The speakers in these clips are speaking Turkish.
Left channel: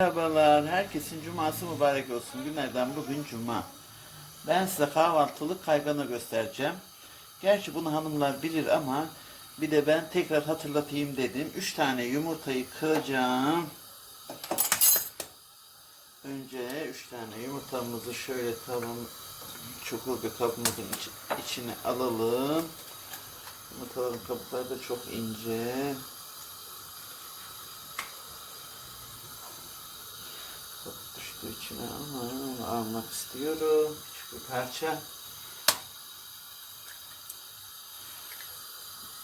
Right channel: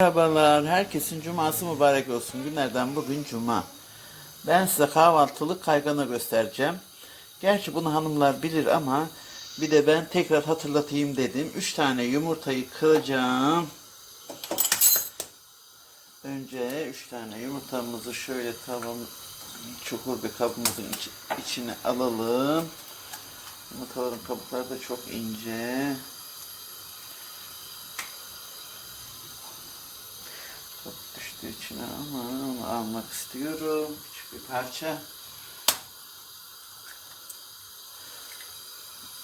Merhabalar, herkesin cuması mübarek olsun. Günlerden bugün cuma. Ben size kahvaltılık kaygana göstereceğim. Gerçi bunu hanımlar bilir ama bir de ben tekrar hatırlatayım dedim. 3 tane yumurtayı kıracağım. Önce 3 tane yumurtamızı şöyle tavan çukur bir kabımızın iç- içine alalım. Yumurtaların kabukları da çok ince. Çok düştüğü için ama onu almak istiyorum. Küçük bir parça.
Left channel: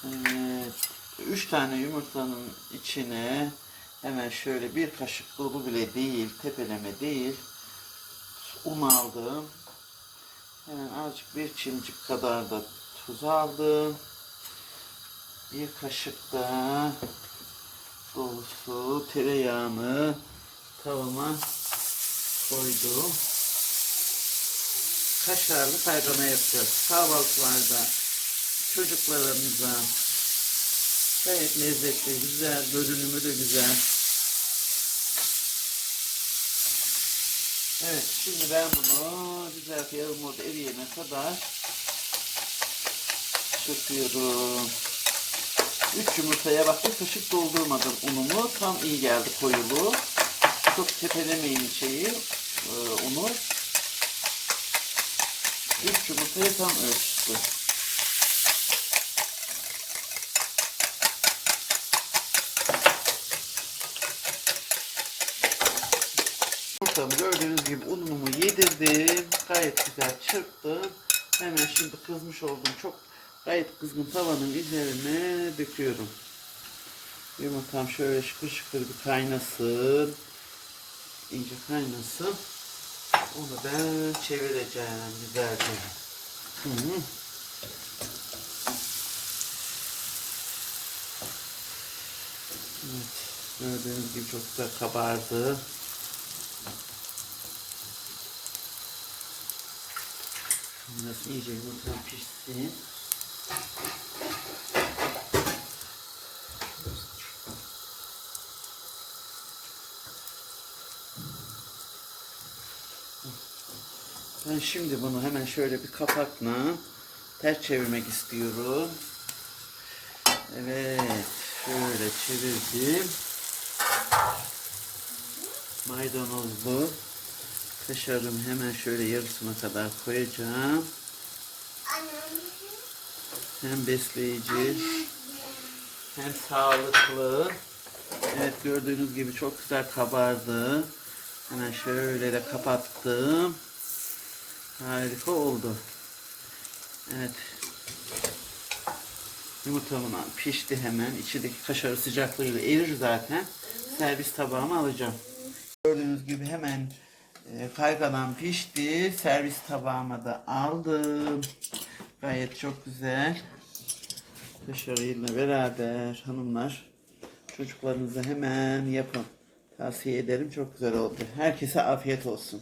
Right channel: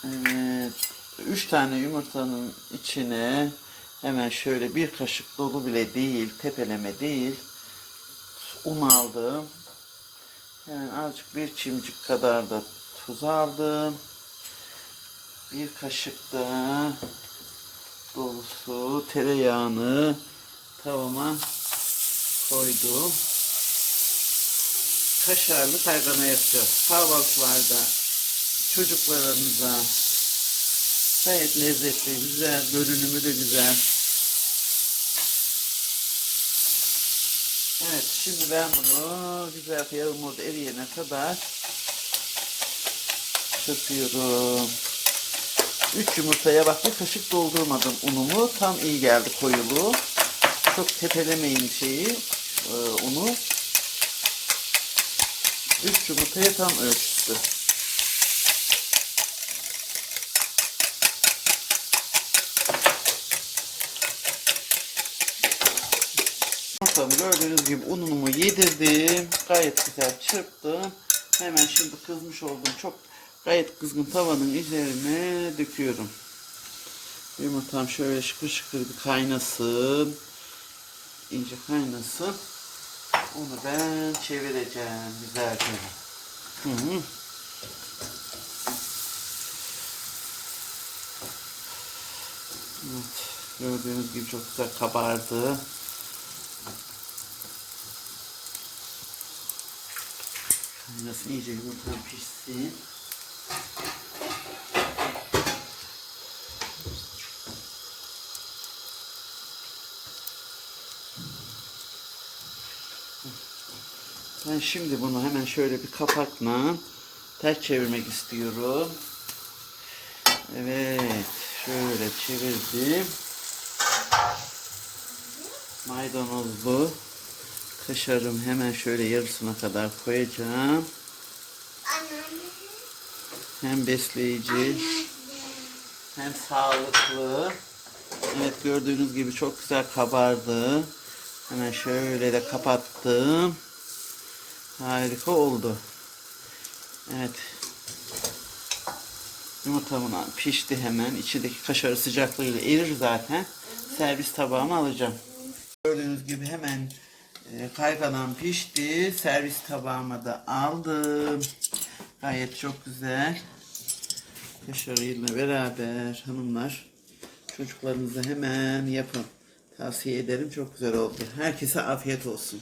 Evet. Üç tane yumurtanın içine hemen şöyle bir kaşık dolu bile değil, tepeleme değil. Un aldım. Hemen azıcık bir çimcik kadar da tuz aldım. Bir kaşık da dolusu tereyağını tavama koydum. Kaşarlı kaygana yapacağız. Kahvaltılarda çocuklarımıza gayet lezzetli, güzel, görünümü de güzel. Evet, şimdi ben bunu güzel yarım orada eriyene kadar çırpıyorum. Üç yumurtaya bak bir kaşık doldurmadım unumu. Tam iyi geldi koyulu. Çok tepelemeyin şeyi, e, unu. Üç yumurtaya tam ölçüsü. Yumurtamı gördüğünüz gibi unumu yedirdim. Gayet güzel çırptım. Hemen şimdi kızmış olduğum çok gayet kızgın tavanın üzerine döküyorum. Yumurtam şöyle şıkır şıkır bir kaynasın. İyice kaynasın. Onu ben çevireceğim güzelce. Hı -hı. Evet, gördüğünüz gibi çok güzel kabardı. Nasıl iyice yumurtadan pişsin. Ben şimdi bunu hemen şöyle bir kapakla ters çevirmek istiyorum. Evet, şöyle çevirdim. Maydanozlu kaşarım hemen şöyle yarısına kadar koyacağım. Hem besleyici hem sağlıklı. Evet gördüğünüz gibi çok güzel kabardı. Hemen şöyle de kapattım. Harika oldu. Evet. Yumurtamın pişti hemen. İçindeki kaşarı sıcaklığıyla erir zaten. Servis tabağıma alacağım. Gördüğünüz gibi hemen e, kayganan pişti. Servis tabağıma da aldım. Gayet çok güzel. Kaşarıyla beraber hanımlar çocuklarınıza hemen yapın. Tavsiye ederim. Çok güzel oldu. Herkese afiyet olsun.